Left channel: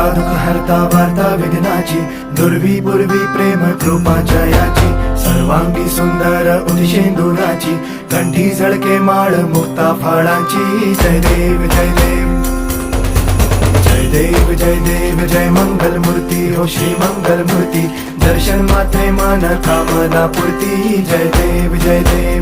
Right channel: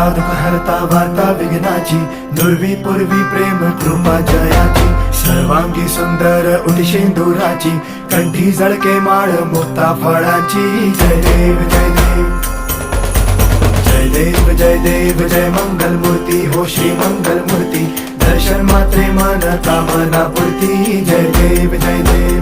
करता दुःख हरता वार्ता विघ्नाची, दुर्वी पूर्वी प्रेम कृपा जयाची, सर्वांगी सुंदर उदिशेंदुराची, कंठी झळके माळ मुक्ता फळाची. जय देव जय देव जय देव जय देव जय मंगल मूर्ती हो श्री मंगल मूर्ती, दर्शन मात्रे मन कामना पूर्ती. जय देव जय देव